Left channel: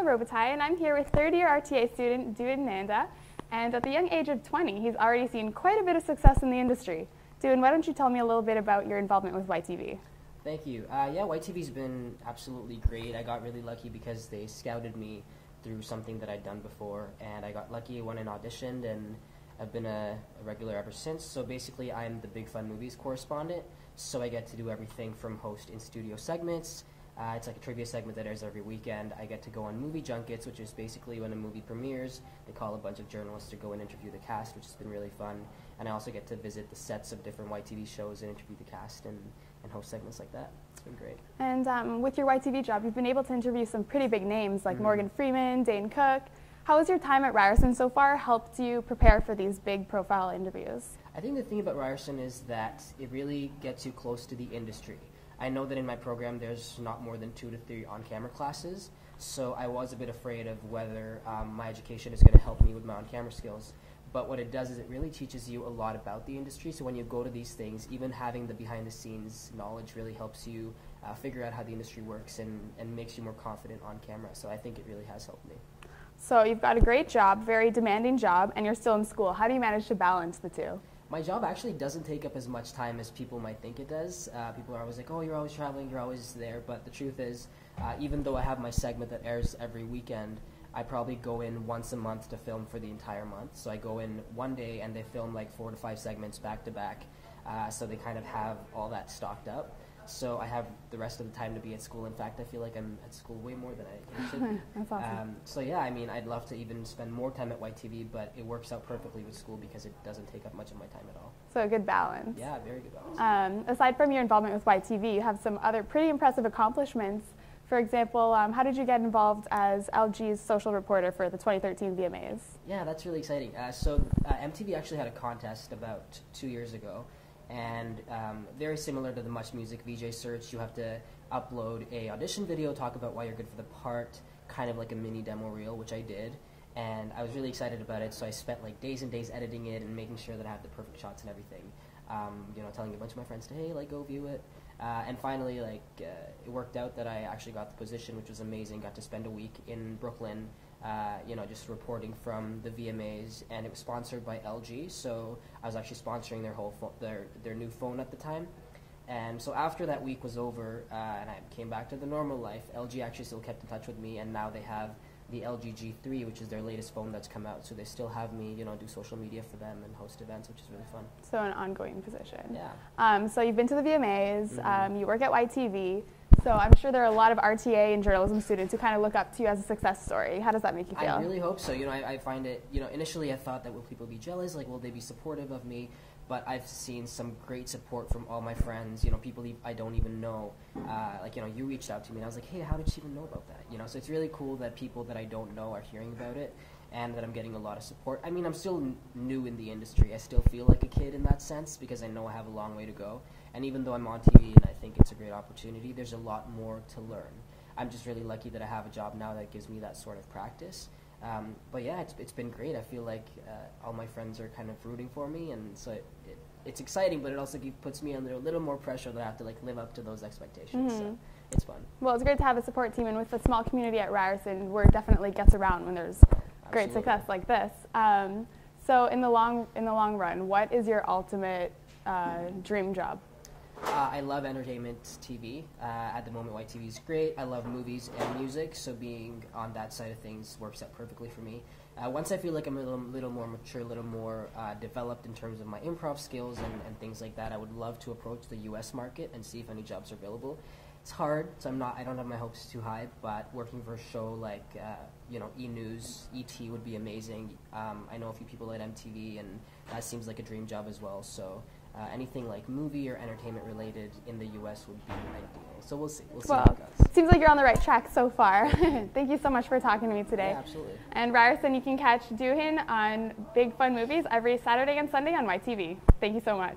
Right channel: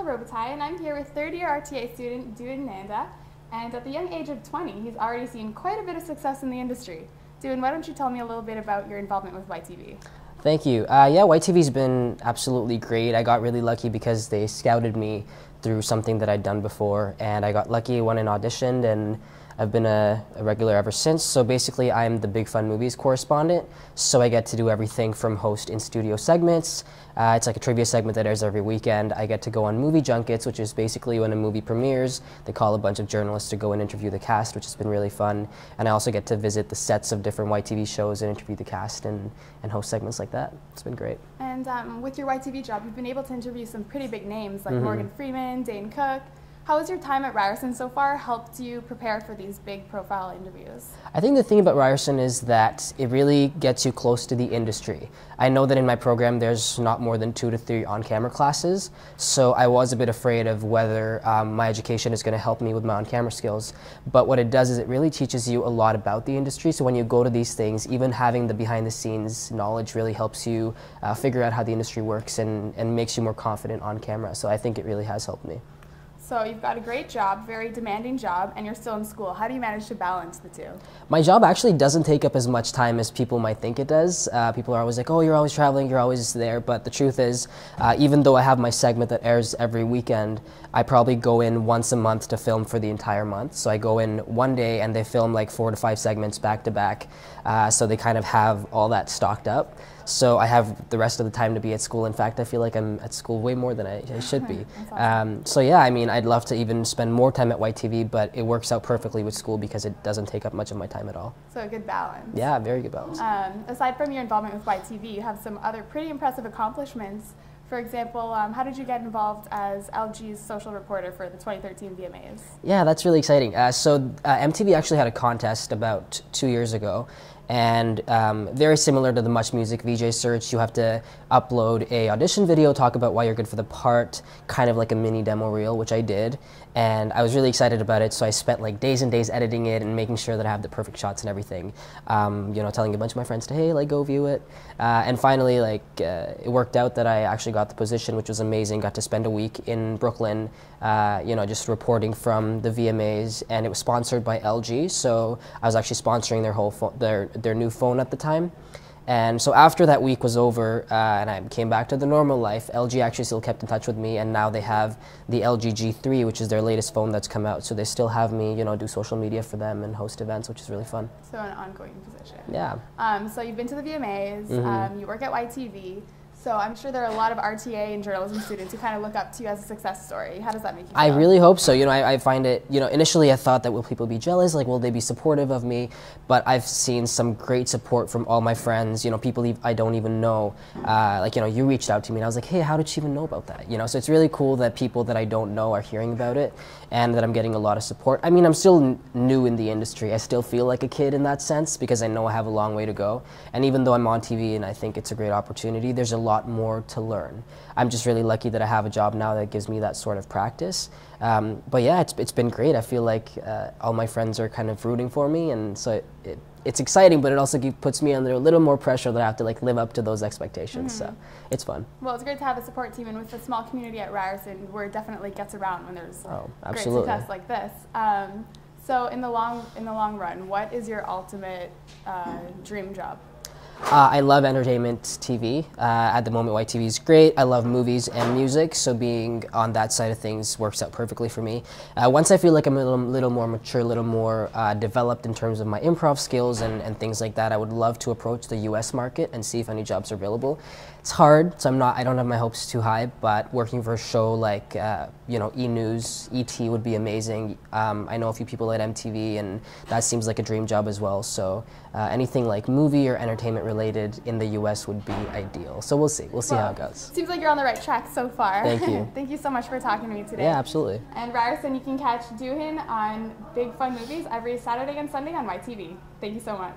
Rachelle Robitaille, and I'm here with third-year RTA student Duhin Nanda. And at the young age of 20, he's already seen quite a bit of success in the industry. Duhin, why don't you tell me a little bit about your involvement with YTV? Thank you. Yeah, YTV's been absolutely great. I got really lucky because they scouted me through something that I'd done before, and I got lucky, went and auditioned, and I've been a regular ever since. So basically, I'm the Big Fun Movies correspondent, so I get to do everything from host in-studio segments. It's like a trivia segment that airs every weekend. I get to go on movie junkets, which is basically when a movie premieres, they call a bunch of journalists to go and interview the cast, which has been really fun. And I also get to visit the sets of different YTV shows and interview the cast and host segments like that. It's been great. And with your YTV job, you've been able to interview some pretty big names like Morgan Freeman, Dane Cook. How has your time at Ryerson so far helped you prepare for these big profile interviews? I think the thing about Ryerson is that it really gets you close to the industry. I know that in my program there's not more than 2 to 3 on-camera classes, so I was a bit afraid of whether my education is going to help me with my on-camera skills. But what it does is it really teaches you a lot about the industry, so when you go to these things, even having the behind-the-scenes knowledge really helps you figure out how the industry works and makes you more confident on camera. So I think it really has helped me. So you've got a great job, very demanding job, and you're still in school. How do you manage to balance the two? My job actually doesn't take up as much time as people might think it does. People are always like, oh, you're always traveling, you're always there. But the truth is, even though I have my segment that airs every weekend, I probably go in once a month to film for the entire month. So I go in one day and they film like 4 to 5 segments back to back. So they kind of have all that stocked up. So I have the rest of the time to be at school. In fact, I feel like I'm at school way more than I should be. Awesome. So yeah, I mean, I'd love to even spend more time at YTV, but it works out perfectly with school because it doesn't take up much of my time at all. So a good balance. Yeah, very good balance. Aside from your involvement with YTV, you have some other pretty impressive accomplishments. For example, how did you get involved as LG's social reporter for the 2013 VMAs? Yeah, that's really exciting. So MTV actually had a contest about 2 years ago. And very similar to the Much Music VJ search, you have to upload a audition video, talk about why you're good for the part, kind of like a mini demo reel, which I did. And I was really excited about it, so I spent like days and days editing it and making sure that I have the perfect shots and everything. You know, telling a bunch of my friends to, hey, like, go view it. And finally, like, it worked out that I actually got the position, which was amazing. Got to spend a week in Brooklyn, you know, just reporting from the VMAs, and it was sponsored by LG, so I was actually sponsoring their whole their new phone at the time. And so after that week was over and I came back to the normal life, LG actually still kept in touch with me, and now they have the LG G3, which is their latest phone that's come out. So they still have me, you know, do social media for them and host events, which is really fun. So an ongoing position. Yeah. So you've been to the VMAs, you work at YTV. So I'm sure there are a lot of RTA and journalism students who kind of look up to you as a success story. How does that make you feel? I really hope so. You know, I find it, you know, initially I thought that will people be jealous, like will they be supportive of me? But I've seen some great support from all my friends, you know, people I don't even know. Like, you know, you reached out to me and I was like, hey, how did you even know about that? You know, so it's really cool that people that I don't know are hearing about it and that I'm getting a lot of support. I mean, I'm still new in the industry. I still feel like a kid in that sense because I know I have a long way to go. And even though I'm on TV and I think it's a great opportunity, there's a lot more to learn. I'm just really lucky that I have a job now that gives me that sort of practice. But yeah, it's been great. I feel like all my friends are kind of rooting for me, and so it's exciting, but it also puts me under a little more pressure that I have to like live up to those expectations. So it's fun. Well, it's great to have a support team, and with the small community at Ryerson, where it definitely gets around when there's great success like this. So in the long run, what is your ultimate dream job? I love entertainment TV. At the moment, YTV is great. I love movies and music, so being on that side of things works out perfectly for me. Once I feel like I'm a little more mature, a little more developed in terms of my improv skills and things like that, I would love to approach the US market and see if any jobs are available. It's hard, so I don't have my hopes too high, but working for a show like, you know, E! News, ET would be amazing. I know a few people at MTV, and that seems like a dream job as well, so anything like movie or entertainment related in the US would be ideal. So we'll see how it goes. Seems like you're on the right track so far. Thank you. Thank you so much for talking to me today. Yeah, absolutely. And Ryerson, you can catch Duhin on Big Fun Movies every Saturday and Sunday on YTV. Thank you so much.